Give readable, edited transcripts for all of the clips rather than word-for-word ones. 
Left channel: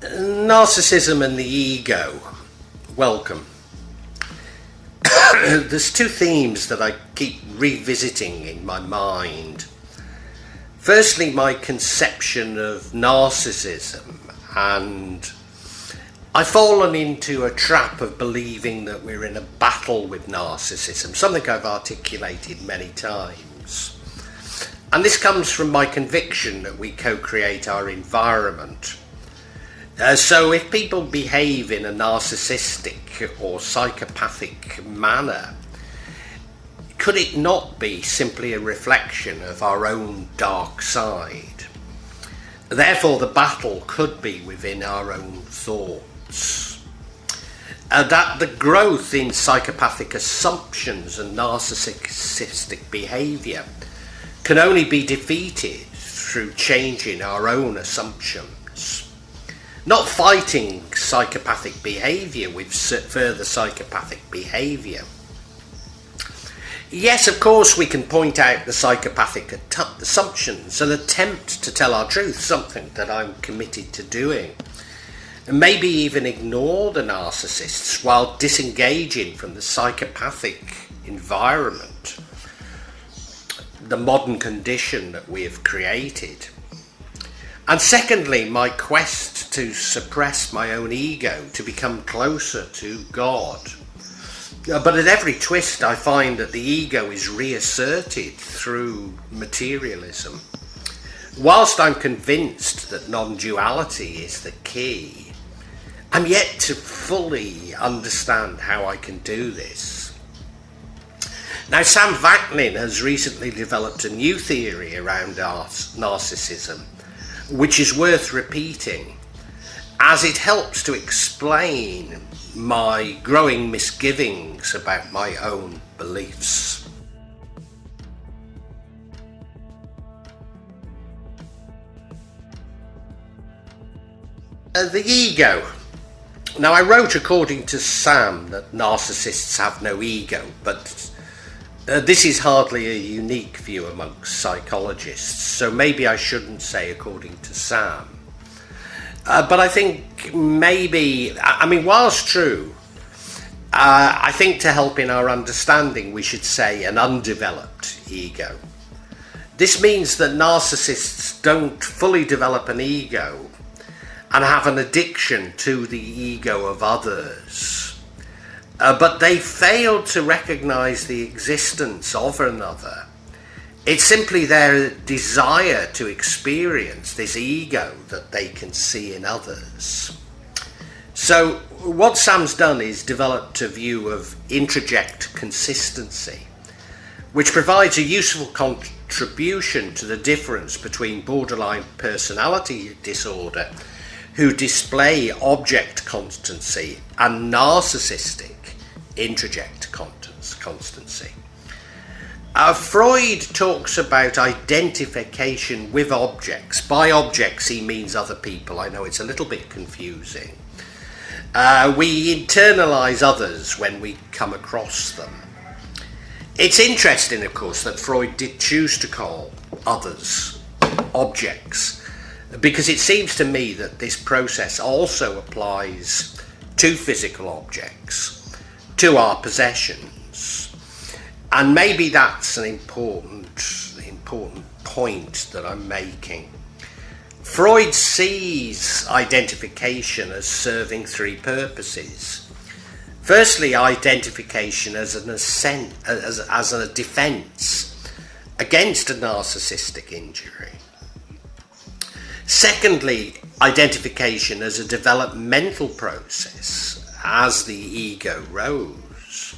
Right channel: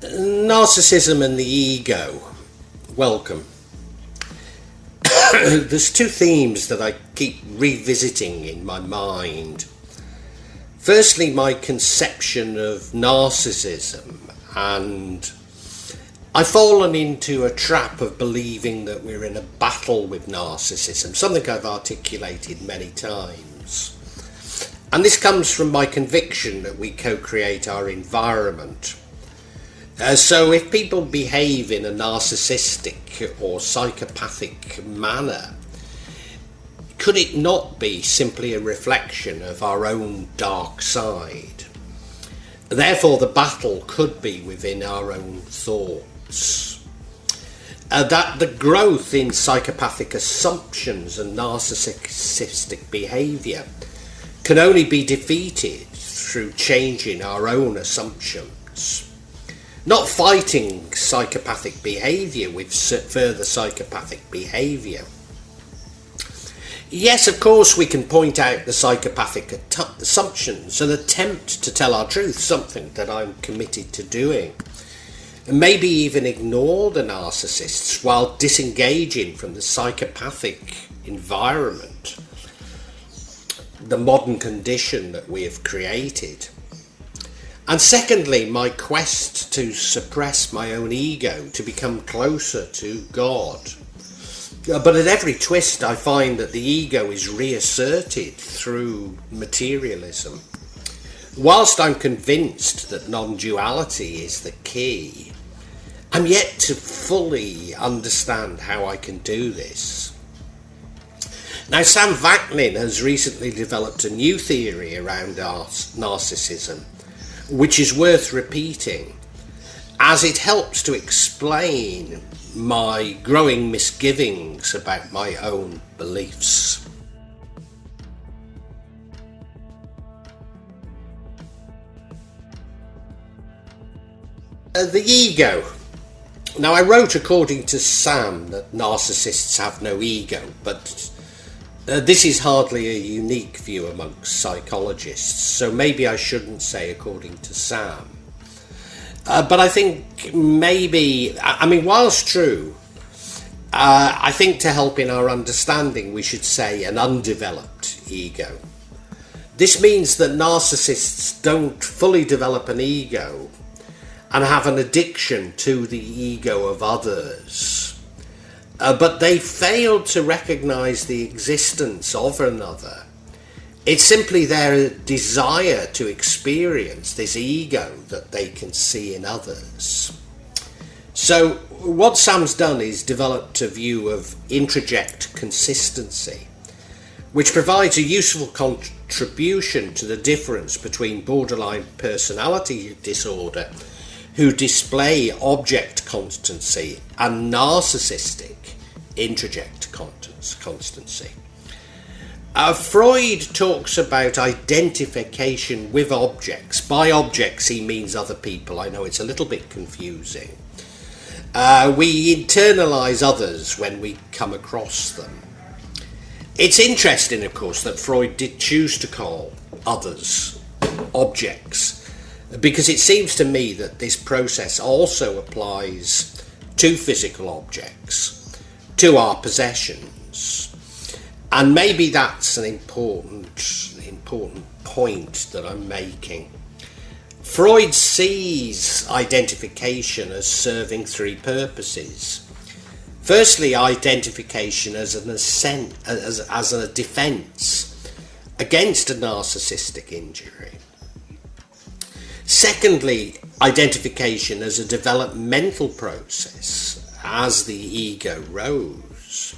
Narcissism and the ego. Welcome. There's two themes that I keep revisiting in my mind. Firstly, my conception of narcissism, and I've fallen into a trap of believing that we're in a battle with narcissism, something I've articulated many times. And this comes from my conviction that we co-create our environment. So if people behave in a narcissistic or psychopathic manner, could it not be simply a reflection of our own dark side? Therefore, the battle could be within our own thoughts. That the growth in psychopathic assumptions and narcissistic behaviour can only be defeated through changing our own assumptions. Not fighting psychopathic behaviour with further psychopathic behaviour. Yes, of course, we can point out the psychopathic assumptions and attempt to tell our truth, something that I'm committed to doing. And maybe even ignore the narcissists while disengaging from the psychopathic environment, the modern condition that we have created. And secondly, my quest to suppress my own ego, to become closer to God. But at every twist I find that the ego is reasserted through materialism. Whilst I'm convinced that non-duality is the key, I'm yet to fully understand how I can do this. Now, Sam Vaknin has recently developed a new theory around narcissism, which is worth repeating, as it helps to explain my growing misgivings about my own beliefs. The ego. Now, I wrote, according to Sam, that narcissists have no ego, but this is hardly a unique view amongst psychologists, so maybe I shouldn't say according to Sam. But I think maybe, whilst true, I think to help in our understanding we should say an undeveloped ego. This means that narcissists don't fully develop an ego and have an addiction to the ego of others. But they failed to recognise the existence of another. It's simply their desire to experience this ego that they can see in others. So what Sam's done is developed a view of Introject consistency, which provides a useful contribution to the difference between borderline personality disorder, who display object constancy, and narcissistic introject constancy. Freud talks about identification with objects. By objects he means other people. I know it's a little bit confusing. We internalise others when we come across them. It's interesting, of course, that Freud did choose to call others objects, because it seems to me that this process also applies to physical objects, to our possessions. And maybe that's an important point that I'm making. Freud sees identification as serving three purposes. Firstly, identification as a defence against a narcissistic injury. Secondly, identification as a developmental process as the ego grows.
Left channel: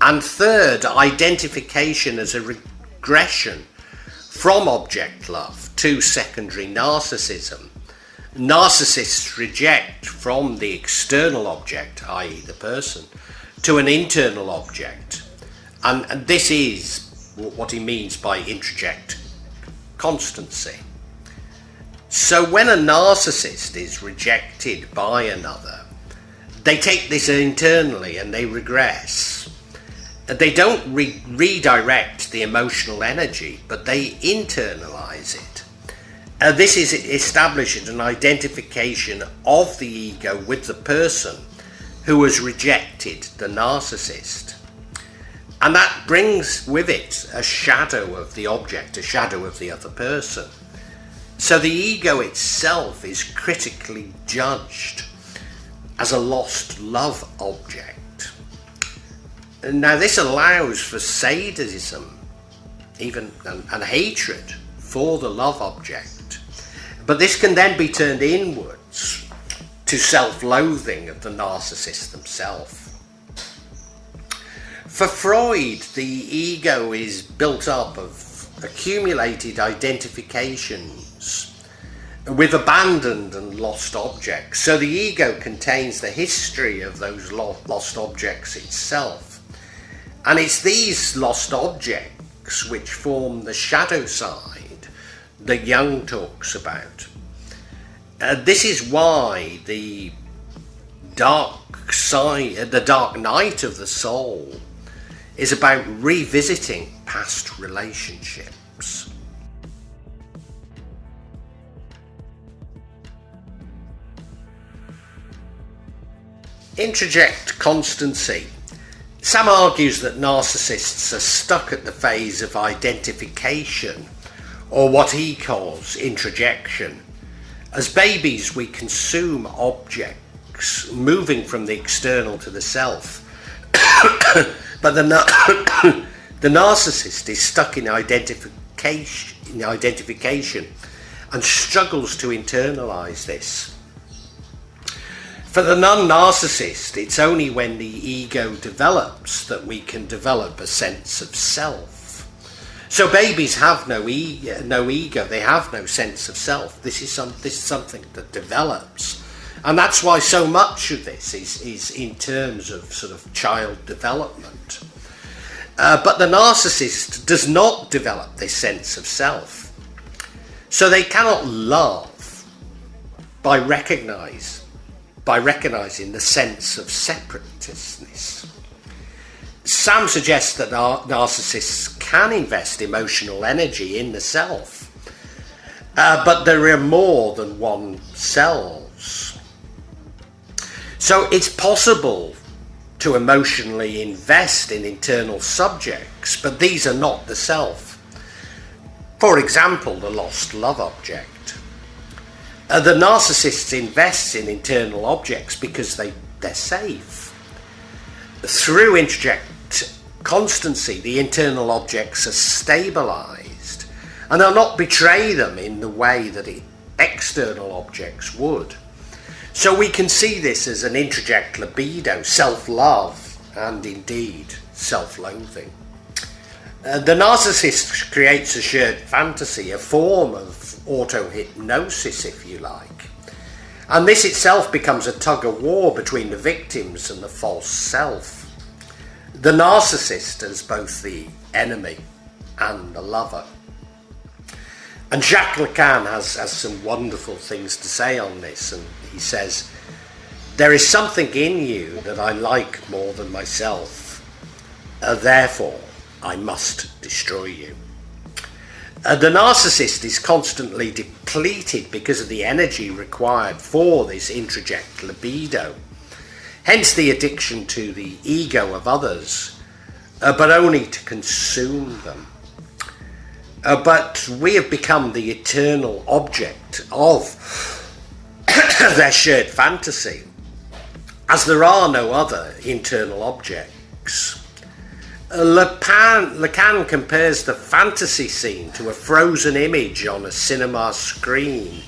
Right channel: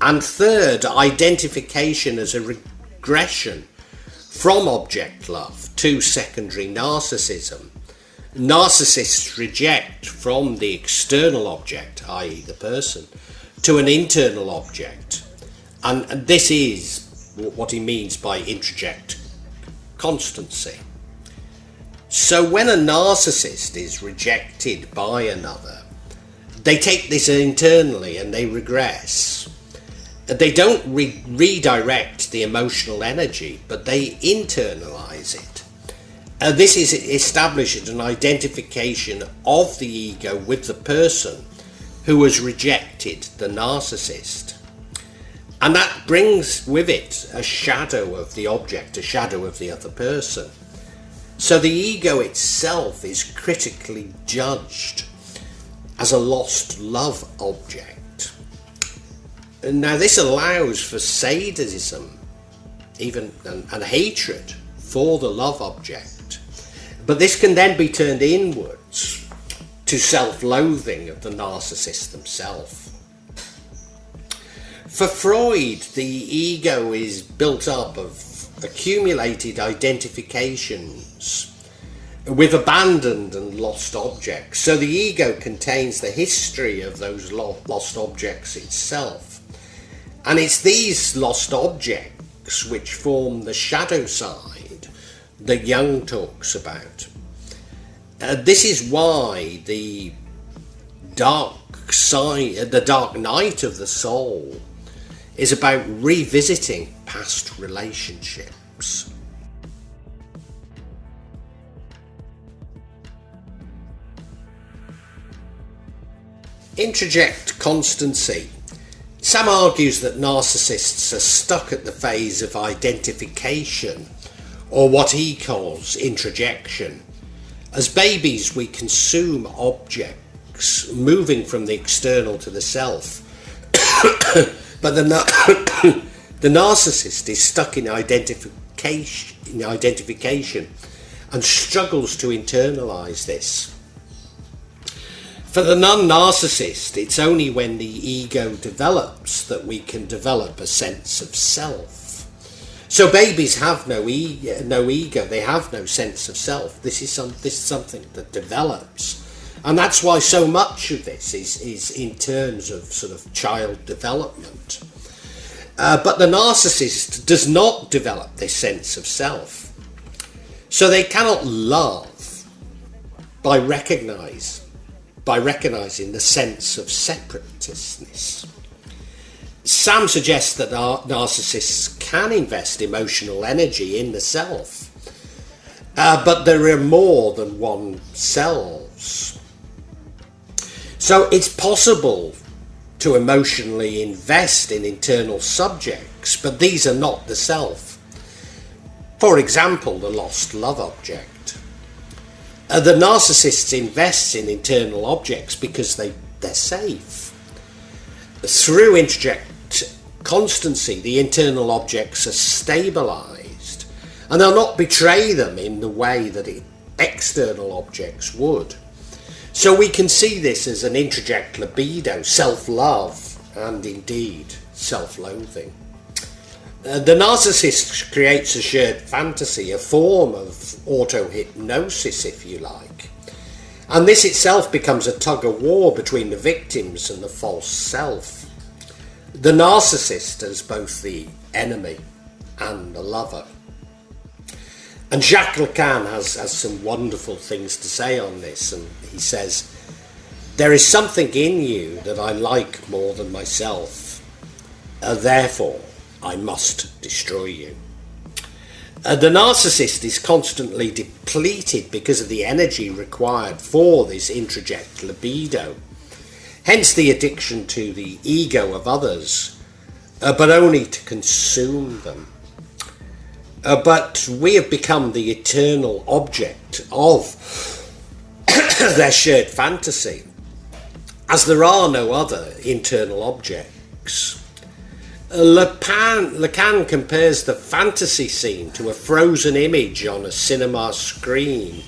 And third, identification as a regression from object love to secondary narcissism. Narcissists reject from the external object, i.e. the person, to an internal object. And this is what he means by introject constancy. So when a narcissist is rejected by another, they take this internally and they regress. They don't redirect the emotional energy, but they internalise it. This is established an identification of the ego with the person who has rejected the narcissist. And that brings with it a shadow of the object, a shadow of the other person. So the ego itself is critically judged as a lost love object. And now this allows for sadism, even and hatred for the love object. But this can then be turned inwards to self-loathing of the narcissist themselves. For Freud, the ego is built up of accumulated identifications with abandoned and lost objects. So the ego contains the history of those lost objects itself. And it's these lost objects which form the shadow side that Jung talks about. This is why the dark side, the dark night of the soul, is about revisiting past relationships. Introject Constancy. Sam argues that narcissists are stuck at the phase of identification, or what he calls introjection. As babies, we consume objects, moving from the external to the self. But the narcissist is stuck in identification and struggles to internalise this. For the non-narcissist, it's only when the ego develops that we can develop a sense of self. So babies have no ego, they have no sense of self. This is something that develops. And that's why so much of this is in terms of sort of child development. But the narcissist does not develop this sense of self. So they cannot love by recognizing the sense of separateness. Sam suggests that narcissists can invest emotional energy in the self, but there are more than one selves. So it's possible to emotionally invest in internal subjects, but these are not the self. For example, the lost love object. The narcissist invests in internal objects because they're safe. Through Introject Constancy, the internal objects are stabilised and they'll not betray them in the way that external objects would. So we can see this as an introject libido, self-love, and indeed self-loathing. The narcissist creates a shared fantasy, a form of auto-hypnosis, if you like. And this itself becomes a tug-of-war between the victims and the false self. The narcissist as both the enemy and the lover. And Jacques Lacan has some wonderful things to say on this, and he says, "There is something in you that I like more than myself, therefore I must destroy you." The narcissist is constantly depleted because of the energy required for this introject libido, hence the addiction to the ego of others, but only to consume them. But we have become the eternal object of their shared fantasy, as there are no other internal objects. Lacan compares the fantasy scene to a frozen image on a cinema screen,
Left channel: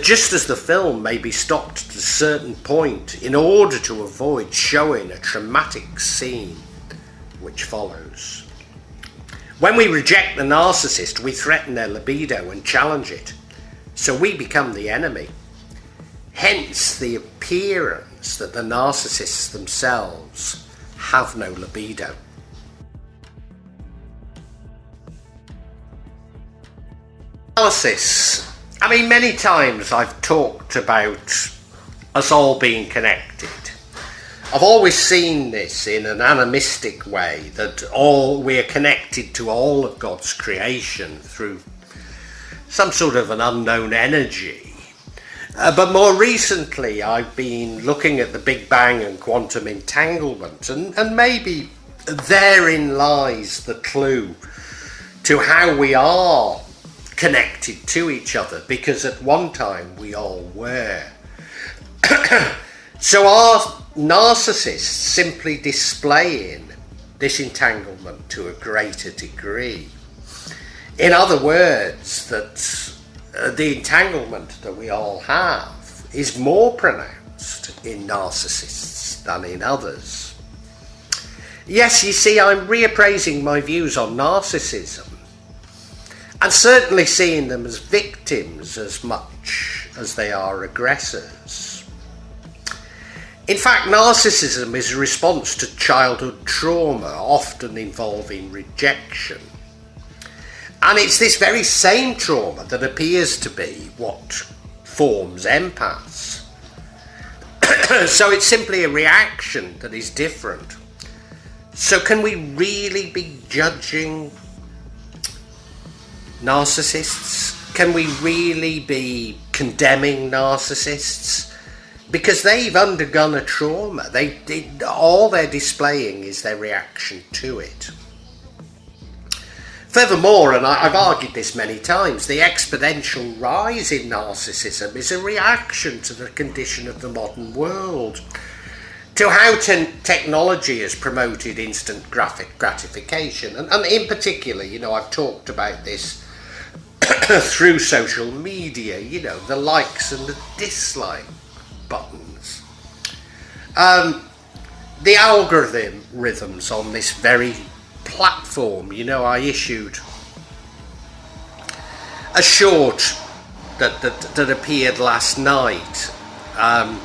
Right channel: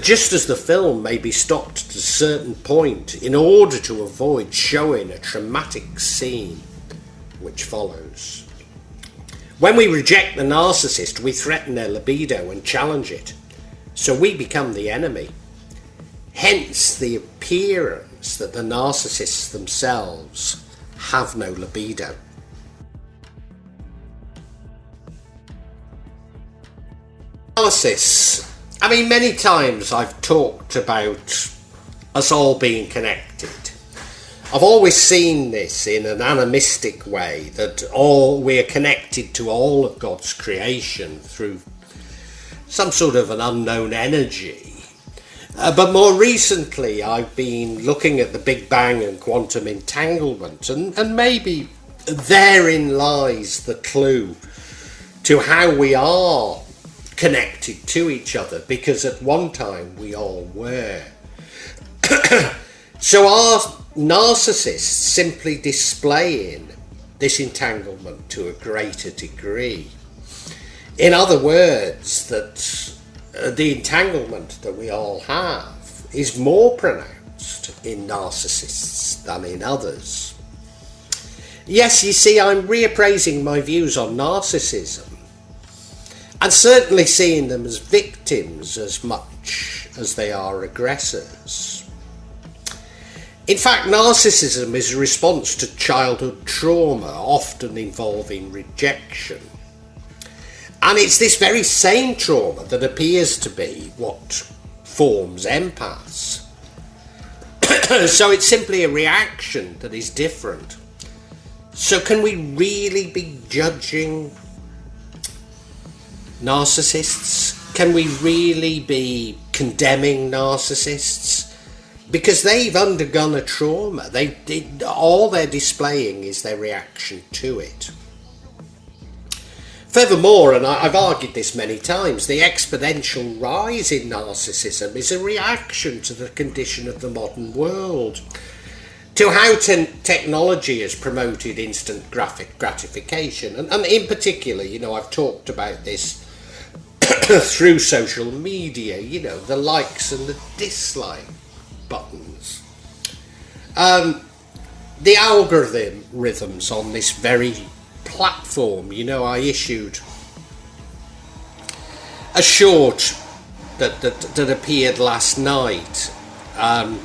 just as the film may be stopped at a certain point in order to avoid showing a traumatic scene which follows. When we reject the narcissist, we threaten their libido and challenge it, so we become the enemy. Hence the appearance that the narcissists themselves have no libido. Analysis. I mean, many times I've talked about us all being connected. I've always seen this in an animistic way, that we are connected to all of God's creation through some sort of an unknown energy. But more recently, I've been looking at the Big Bang and quantum entanglement, and maybe therein lies the clue to how we are connected to each other, because at one time we all were. So are narcissists simply displaying this entanglement to a greater degree? In other words, that the entanglement that we all have is more pronounced in narcissists than in others. Yes, you see, I'm reappraising my views on narcissism, and certainly seeing them as victims as much as they are aggressors. In fact, narcissism is a response to childhood trauma, often involving rejection. And it's this very same trauma that appears to be what forms empaths. So it's simply a reaction that is different. So can we really be judging narcissists? Can we really be condemning narcissists? Because they've undergone a trauma. All they're displaying is their reaction to it. Furthermore, and I've argued this many times, the exponential rise in narcissism is a reaction to the condition of the modern world, to how technology has promoted instant gratification. And in particular, I've talked about this through social media, the likes and the dislike buttons. The algorithms on this very platform, I issued a short that appeared last night, and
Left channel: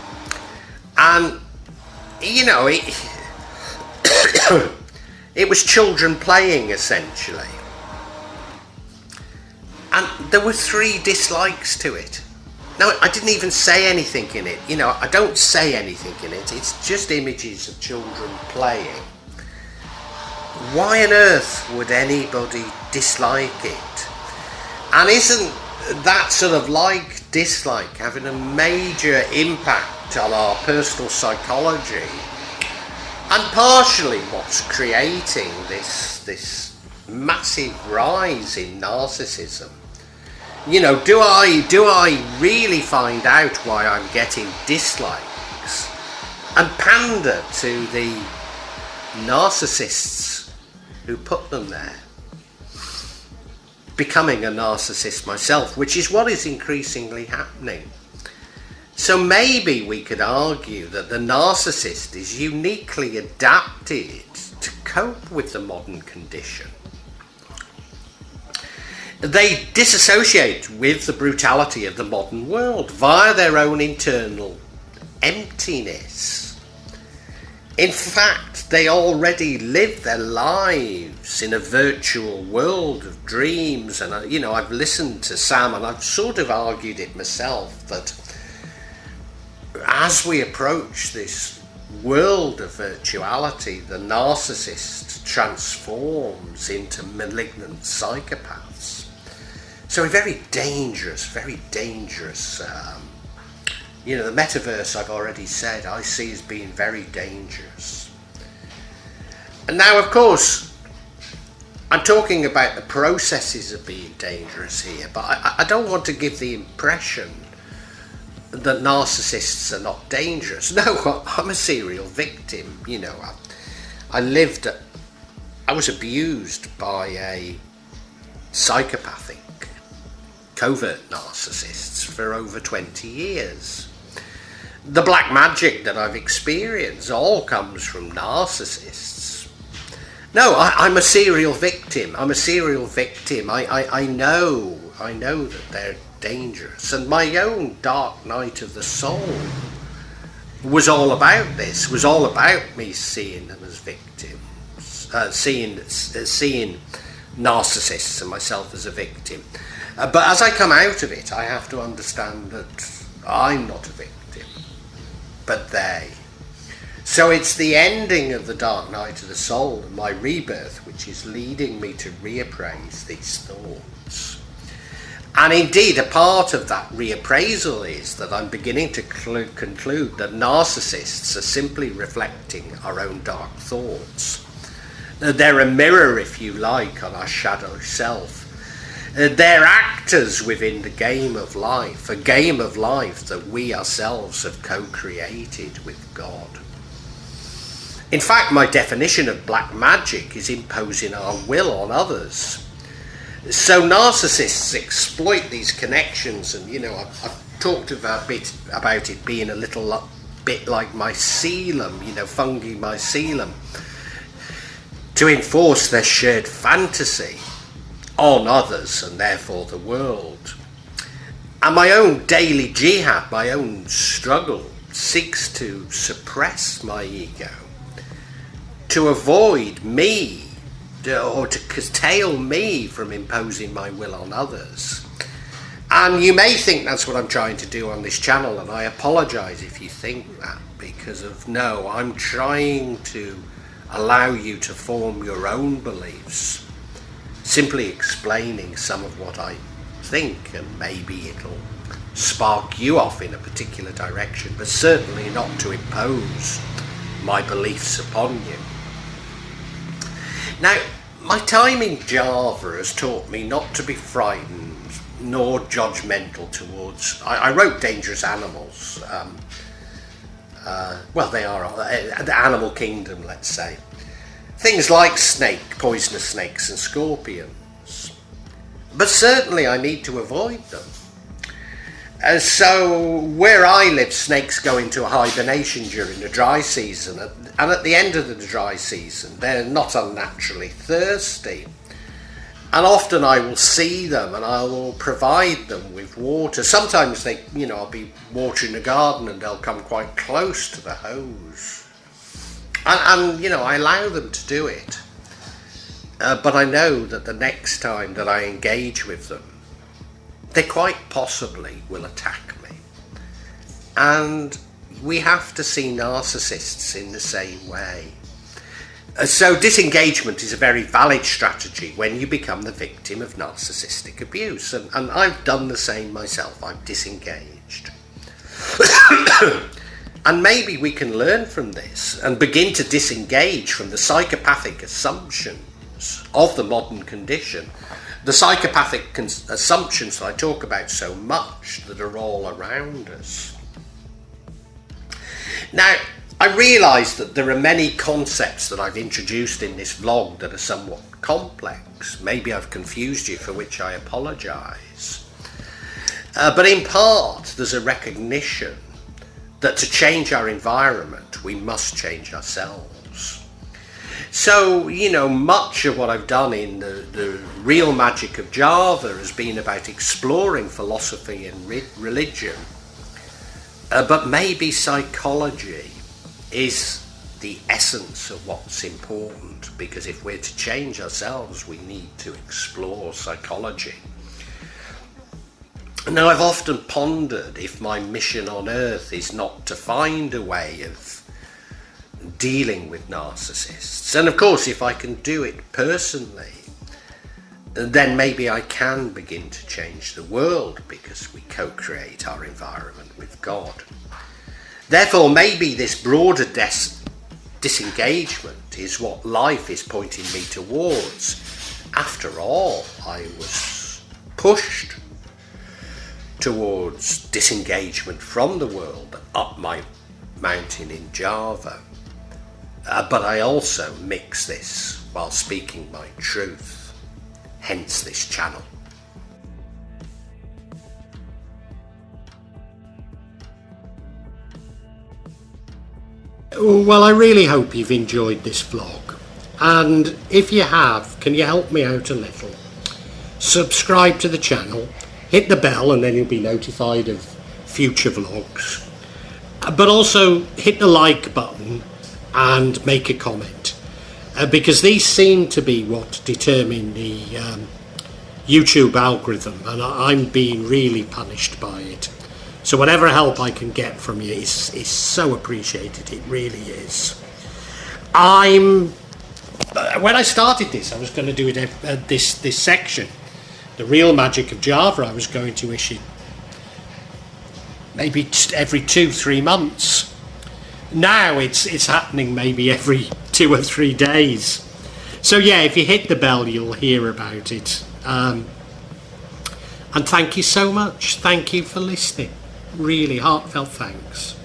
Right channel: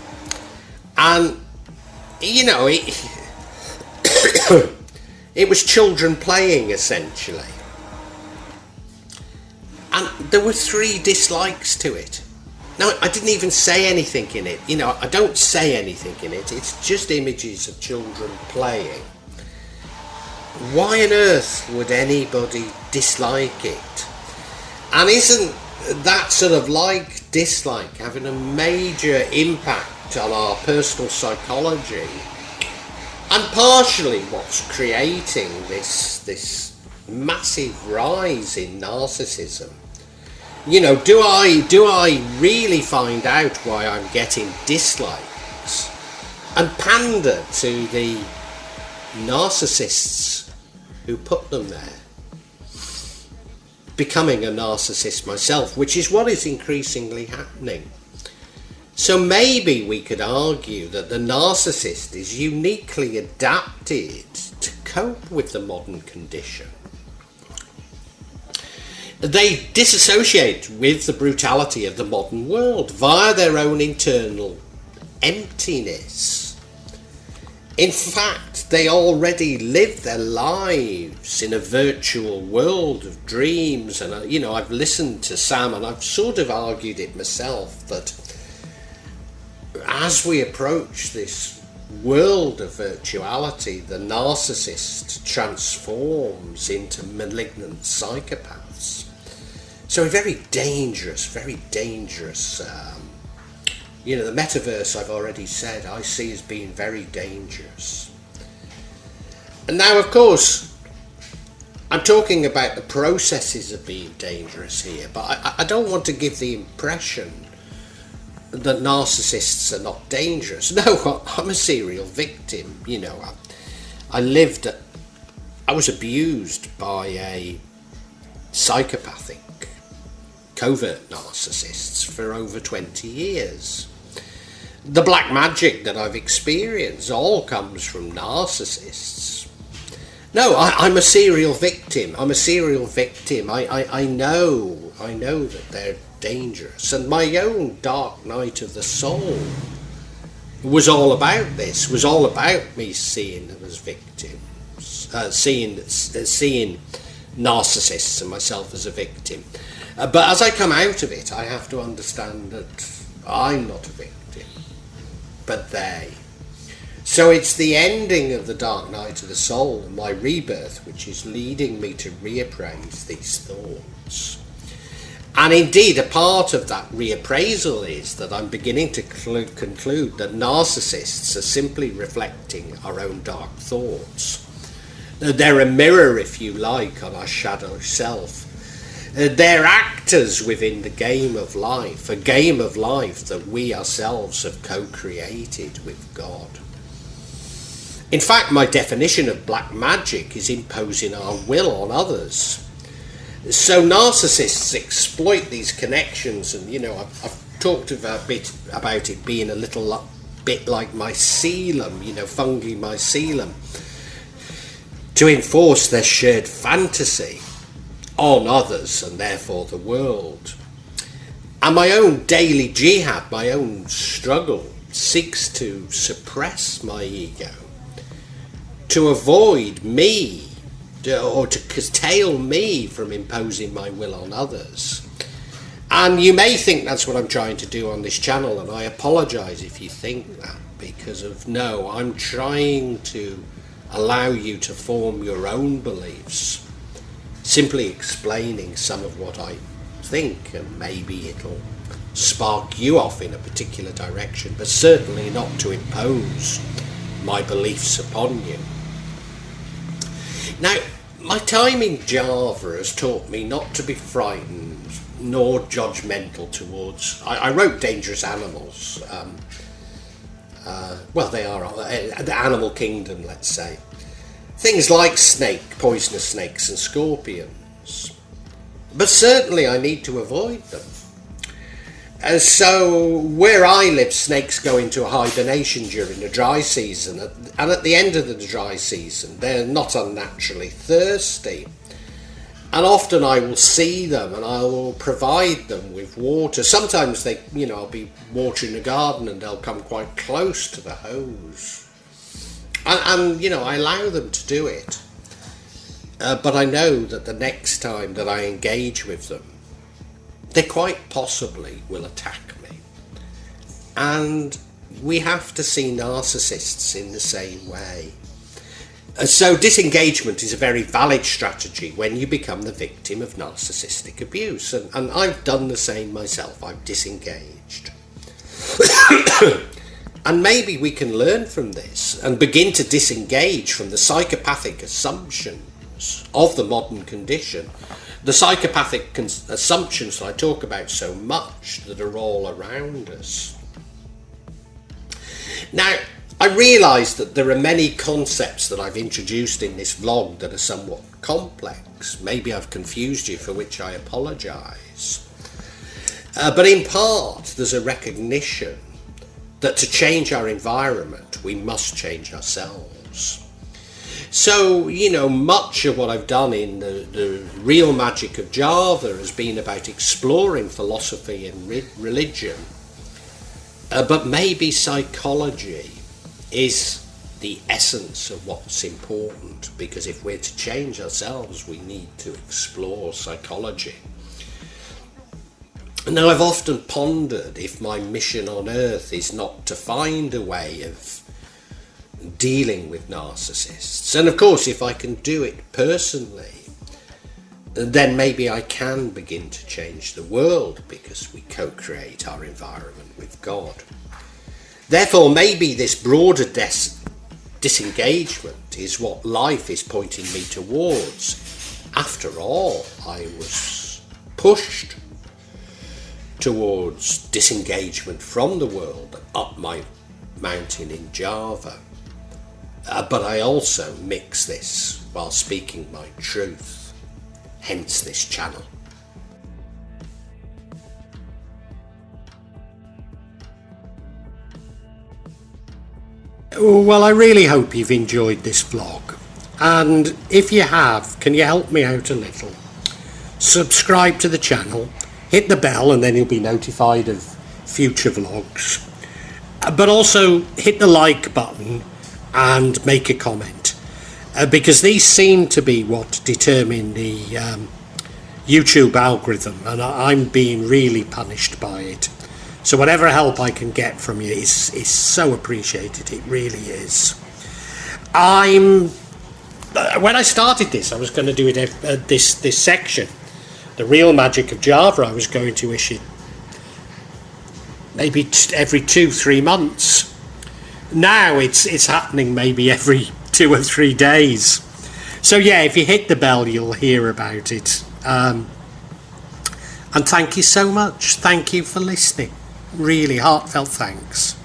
it was children playing essentially, and there were 3 dislikes to it. Now, I didn't even say anything in it, I don't say anything in it, it's just images of children playing. Why on earth would anybody dislike it? And isn't that sort of dislike having a major impact on our personal psychology, and partially what's creating this massive rise in narcissism? Do I really find out why I'm getting dislikes and pander to the narcissists who put them there? Becoming a narcissist myself, which is what is increasingly happening. So maybe we could argue that the narcissist is uniquely adapted to cope with the modern condition. They disassociate with the brutality of the modern world via their own internal emptiness. In fact, they already live their lives in a virtual world of dreams. And, I've listened to Sam, and I've sort of argued it myself, that as we approach this world of virtuality, the narcissist transforms into malignant psychopaths. So a very dangerous, the metaverse, I've already said, I see as being very dangerous. And now, of course, I'm talking about the processes of being dangerous here, but I don't want to give the impression that narcissists are not dangerous. No, I'm a serial victim. I was abused by a psychopathic, covert narcissists for over 20 years. The black magic that I've experienced all comes from narcissists. No, I'm a serial victim. I know that they're dangerous. And my own dark night of the soul was all about this, was all about me seeing them as victims, seeing narcissists and myself as a victim. But as I come out of it, I have to understand that I'm not a victim, but they. So it's the ending of the dark night of the soul and my rebirth which is leading me to reappraise these thoughts. And indeed, a part of that reappraisal is that I'm beginning to conclude that narcissists are simply reflecting our own dark thoughts. They're a mirror, if you like, on our shadow self. They're actors within the game of life, a game of life that we ourselves have co-created with God. In fact, my definition of black magic is imposing our will on others. So narcissists exploit these connections, and I've talked about it being a little bit like mycelium, fungi mycelium, to enforce their shared fantasy on others and therefore the world. And my own daily jihad, my own struggle, seeks to suppress my ego, to avoid me, or to curtail me from imposing my will on others. And you may think that's what I'm trying to do on this channel, and I apologise if you think that, because no, I'm trying to allow you to form your own beliefs, simply explaining some of what I think, and maybe it'll spark you off in a particular direction, but certainly not to impose my beliefs upon you. Now, my time in Java has taught me not to be frightened nor judgmental towards... I wrote dangerous animals. They are the animal kingdom, let's say. Things like poisonous snakes and scorpions. But certainly I need to avoid them. So where I live, snakes go into a hibernation during the dry season, and at the end of the dry season they're not unnaturally thirsty, and often I will see them and I will provide them with water. Sometimes I'll be watering the garden and they'll come quite close to the hose, and I allow them to do it, but I know that the next time that I engage with them, they quite possibly will attack me. And we have to see narcissists in the same way. So disengagement is a very valid strategy when you become the victim of narcissistic abuse. And I've done the same myself. I've disengaged. And maybe we can learn from this and begin to disengage from the psychopathic assumptions of the modern condition. The psychopathic assumptions that I talk about so much, that are all around us. Now, I realise that there are many concepts that I've introduced in this vlog that are somewhat complex. Maybe I've confused you, for which I apologise. But in part, there's a recognition that to change our environment, we must change ourselves. So, much of what I've done in the real magic of Java has been about exploring philosophy and religion. But maybe psychology is the essence of what's important, because if we're to change ourselves, we need to explore psychology. Now, I've often pondered if my mission on earth is not to find a way of dealing with narcissists, and of course if I can do it personally, then maybe I can begin to change the world, because we co-create our environment with God. Therefore, maybe this broader disengagement is what life is pointing me towards. After all, I was pushed towards disengagement from the world up my mountain in Java. But I also mix this while speaking my truth, hence this channel. Well, I really hope you've enjoyed this vlog, and if you have, can you help me out a little? Subscribe to the channel, hit the bell, and then you'll be notified of future vlogs. But also hit the like button and make a comment, because these seem to be what determine the YouTube algorithm, and I'm being really punished by it. So whatever help I can get from you is so appreciated. It really is. When I started this, I was going to do it this section the real magic of Java, I was going to issue maybe every 2-3 months. Now it's happening maybe every 2 or 3 days. So yeah, if you hit the bell, you'll hear about it. And thank you so much. Thank you for listening. Really heartfelt thanks.